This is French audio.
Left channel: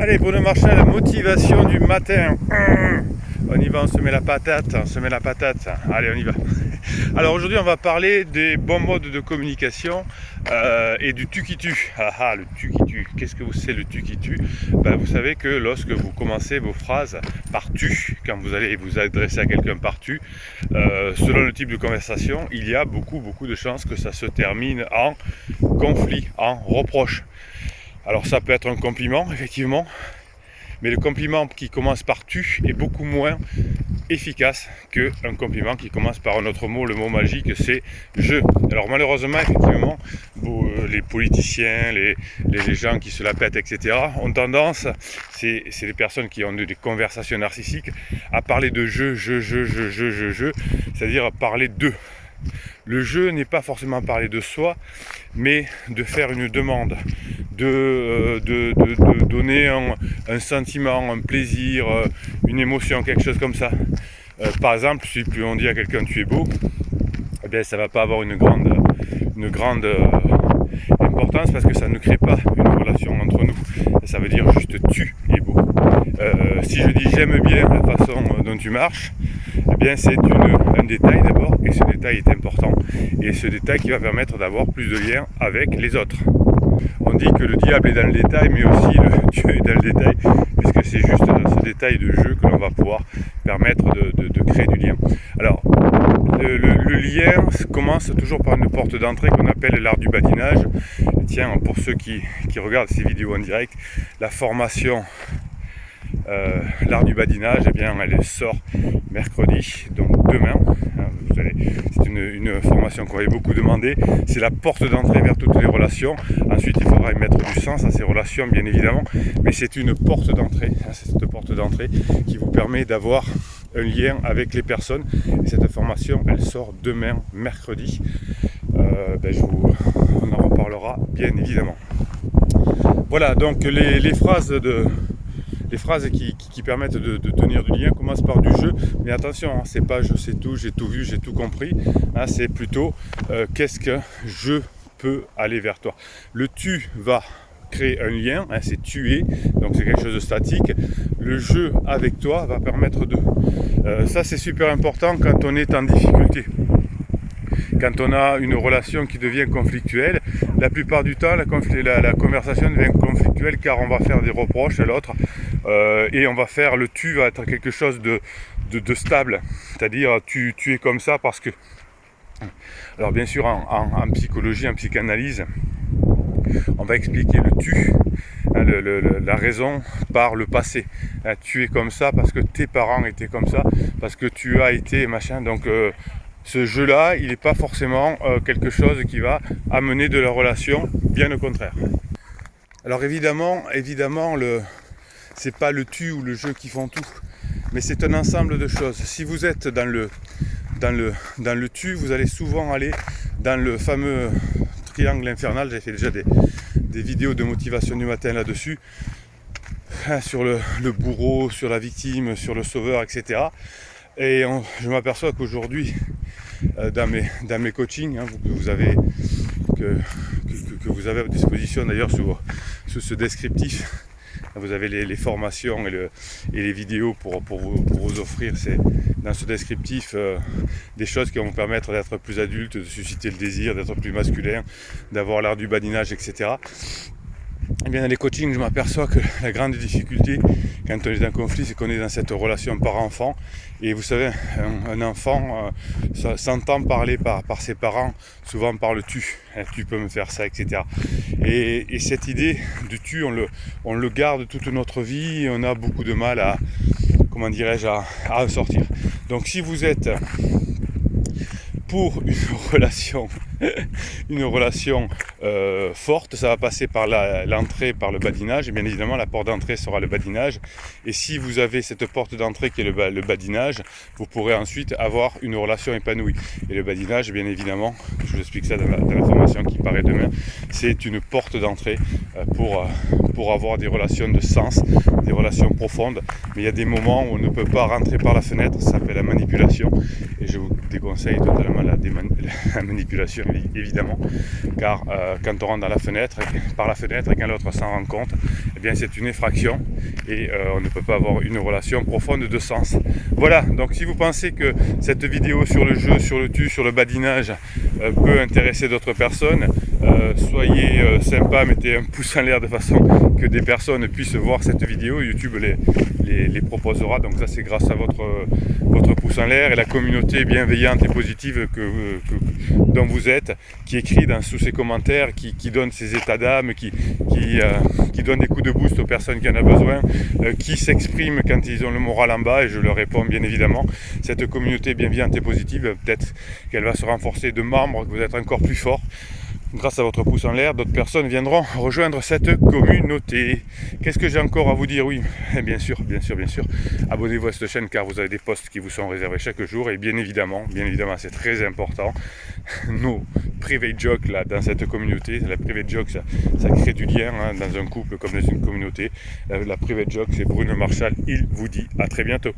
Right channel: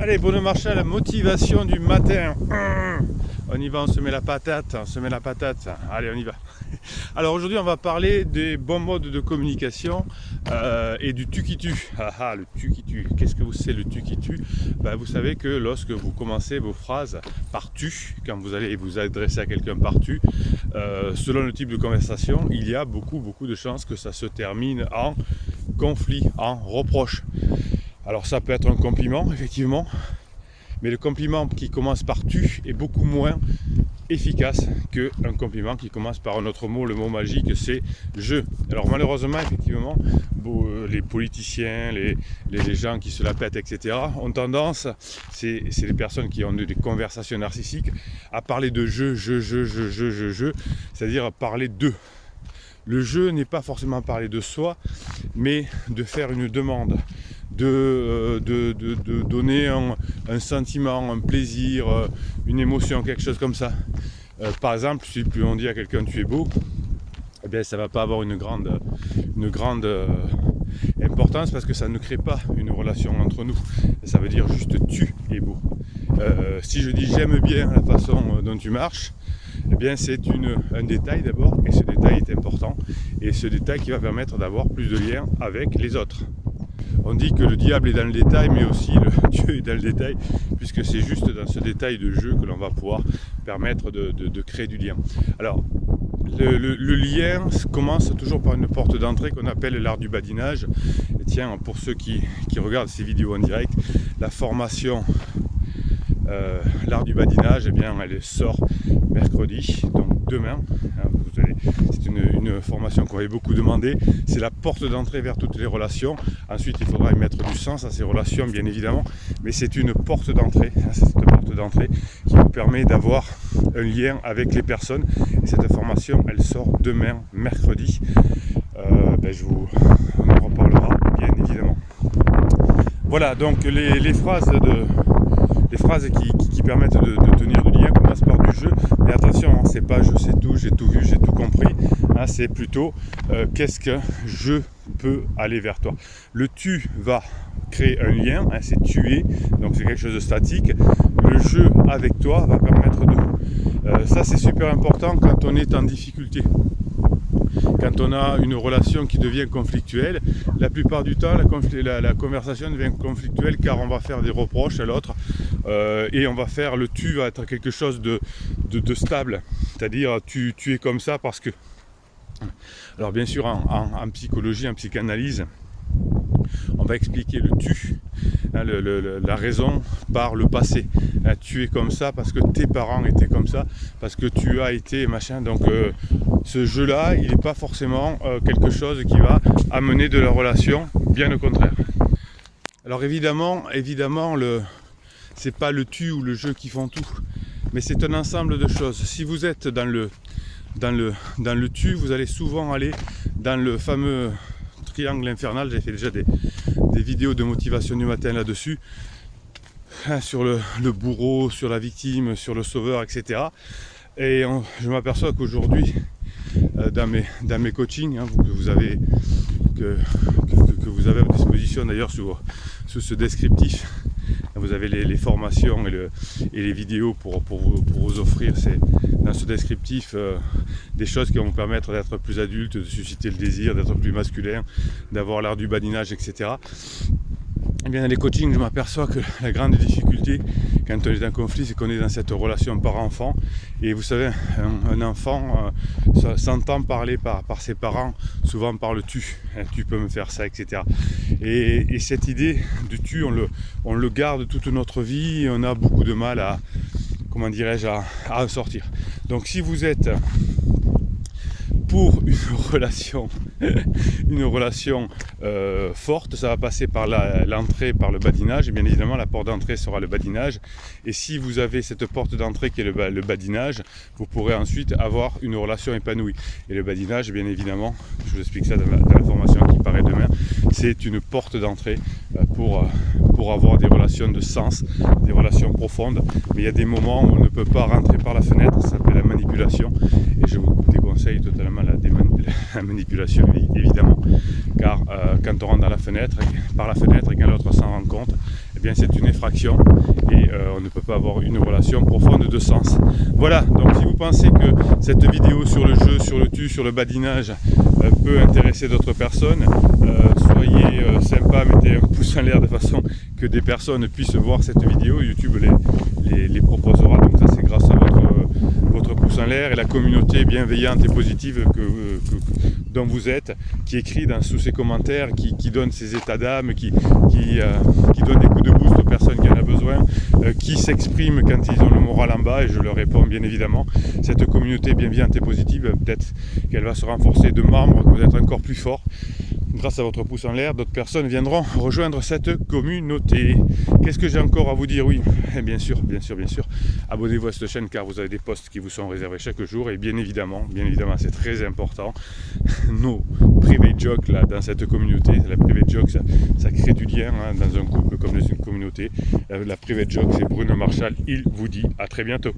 Allez, Bruno Marchal, motivation du matin. On y va, on se met la patate, Allez, on y va. Alors aujourd'hui, on va parler des bons modes de communication et du tu qui tue. Le tu qui tue. Qu'est-ce que c'est le tu qui tue? Vous savez que lorsque vous commencez vos phrases par tu, quand vous allez vous adresser à quelqu'un par tu, selon le type de conversation, il y a beaucoup de chances que ça se termine en conflit, en reproche. Alors ça peut être un compliment, effectivement, mais le compliment qui commence par tu est beaucoup moins efficace qu'un compliment qui commence par un autre mot. Le mot magique, c'est je. Alors malheureusement, effectivement, les politiciens, les gens qui se la pètent, etc., ont tendance, c'est les personnes qui ont des conversations narcissiques, à parler de je, c'est-à-dire parler d'eux. Le je n'est pas forcément parler de soi, mais de faire une demande, de donner un sentiment, un plaisir, une émotion, quelque chose comme ça. Par exemple, si plus on dit à quelqu'un tu es beau, eh bien ça ne va pas avoir une grande importance parce que ça ne crée pas une relation entre nous. Ça veut dire juste tu es beau. Si je dis j'aime bien la façon dont tu marches, eh bien c'est un détail d'abord, et ce détail est important, et ce détail qui va permettre d'avoir plus de liens avec les autres. On dit que le diable est dans le détail, mais aussi le Dieu est dans le détail, puisque c'est juste dans ce détail de jeu que l'on va pouvoir permettre de créer du lien. Alors, le lien commence toujours par une porte d'entrée qu'on appelle l'art du badinage. Et tiens, pour ceux qui regardent ces vidéos en direct, la formation l'art du badinage, eh bien, elle sort mercredi, donc demain. C'est une formation qu'on avait beaucoup demandé. C'est la porte d'entrée vers toutes les relations. Ensuite, il faudra y mettre du sens à ces relations, bien évidemment. Mais c'est une porte d'entrée. C'est cette porte d'entrée qui vous permet d'avoir un lien avec les personnes. Et cette formation, elle sort demain, mercredi. On en reparlera, bien évidemment. Voilà, donc les phrases qui permettent de tenir du lien commencent par du jeu, mais attention, c'est pas je sais tout, j'ai tout vu, j'ai tout compris, c'est plutôt qu'est-ce que je peux aller vers toi. Le tu va créer un lien, c'est tuer, donc c'est quelque chose de statique. Le jeu avec toi va permettre de... ça c'est super important quand on est en difficulté. Quand on a une relation qui devient conflictuelle, la plupart du temps, la conversation devient conflictuelle car on va faire des reproches à l'autre et on va faire le tu va être quelque chose de stable. C'est-à-dire tu es comme ça parce que... Alors bien sûr, en psychologie, en psychanalyse, on va expliquer le tu, la raison par le passé. Tu es comme ça parce que tes parents étaient comme ça, parce que tu as été machin. Donc ce jeu-là, il n'est pas forcément quelque chose qui va amener de la relation, bien au contraire. Alors évidemment, c'est pas le tu ou le jeu qui font tout, mais c'est un ensemble de choses. Si vous êtes dans le tu, vous allez souvent aller dans le fameux triangle infernal. J'ai fait déjà des vidéos de motivation du matin là-dessus, sur le bourreau, sur la victime, sur le sauveur, etc. Et je m'aperçois qu'aujourd'hui, dans mes coachings, que vous avez à disposition d'ailleurs sous ce descriptif, vous avez les formations et les vidéos pour vous offrir dans ce descriptif des choses qui vont vous permettre d'être plus adulte, de susciter le désir, d'être plus masculin, d'avoir l'art du badinage, etc. Et bien dans les coachings, je m'aperçois que la grande difficulté quand on est en conflit, c'est qu'on est dans cette relation par-enfant. Et vous savez, un enfant s'entend parler par ses parents, souvent par le tu. Tu peux me faire ça, etc. Et cette idée du tu, on le garde toute notre vie et on a beaucoup de mal à en sortir. Donc si vous êtes pour une relation forte, ça va passer par l'entrée, par le badinage, et bien évidemment la porte d'entrée sera le badinage. Et si vous avez cette porte d'entrée qui est le badinage, vous pourrez ensuite avoir une relation épanouie. Et le badinage, bien évidemment, je vous explique ça dans la formation qui paraît demain, c'est une porte d'entrée pour avoir des relations de sens, des relations profondes. Mais il y a des moments où on ne peut pas rentrer par la fenêtre, ça s'appelle la manipulation, et je vous déconseille totalement la manipulation évidemment, car quand on rentre dans la fenêtre, par la fenêtre et quand l'autre s'en rend compte, eh bien c'est une effraction et on ne peut pas avoir une relation profonde de sens. Voilà, donc si vous pensez que cette vidéo sur le jeu, sur le tu, sur le badinage peut intéresser d'autres personnes, soyez sympa, mettez un pouce en l'air de façon que des personnes puissent voir cette vidéo. YouTube les proposera, donc ça c'est grâce à votre pouce en l'air et la communauté bienveillante et positive dont vous êtes, qui écrit sous ses commentaires, qui donne ses états d'âme, qui donne des coups de boost aux personnes qui en ont besoin, qui s'expriment quand ils ont le moral en bas, et je leur réponds bien évidemment. Cette communauté bienveillante et positive, peut-être qu'elle va se renforcer de membres, que vous êtes encore plus fort. Grâce à votre pouce en l'air, d'autres personnes viendront rejoindre cette communauté. Qu'est-ce que j'ai encore à vous dire? Oui, bien sûr, abonnez-vous à cette chaîne car vous avez des posts qui vous sont réservés chaque jour. Et bien évidemment, c'est très important, nos private jokes là, dans cette communauté. La private joke, ça crée du lien dans un couple comme dans une communauté. La private joke, c'est Bruno Marshall. Il vous dit à très bientôt.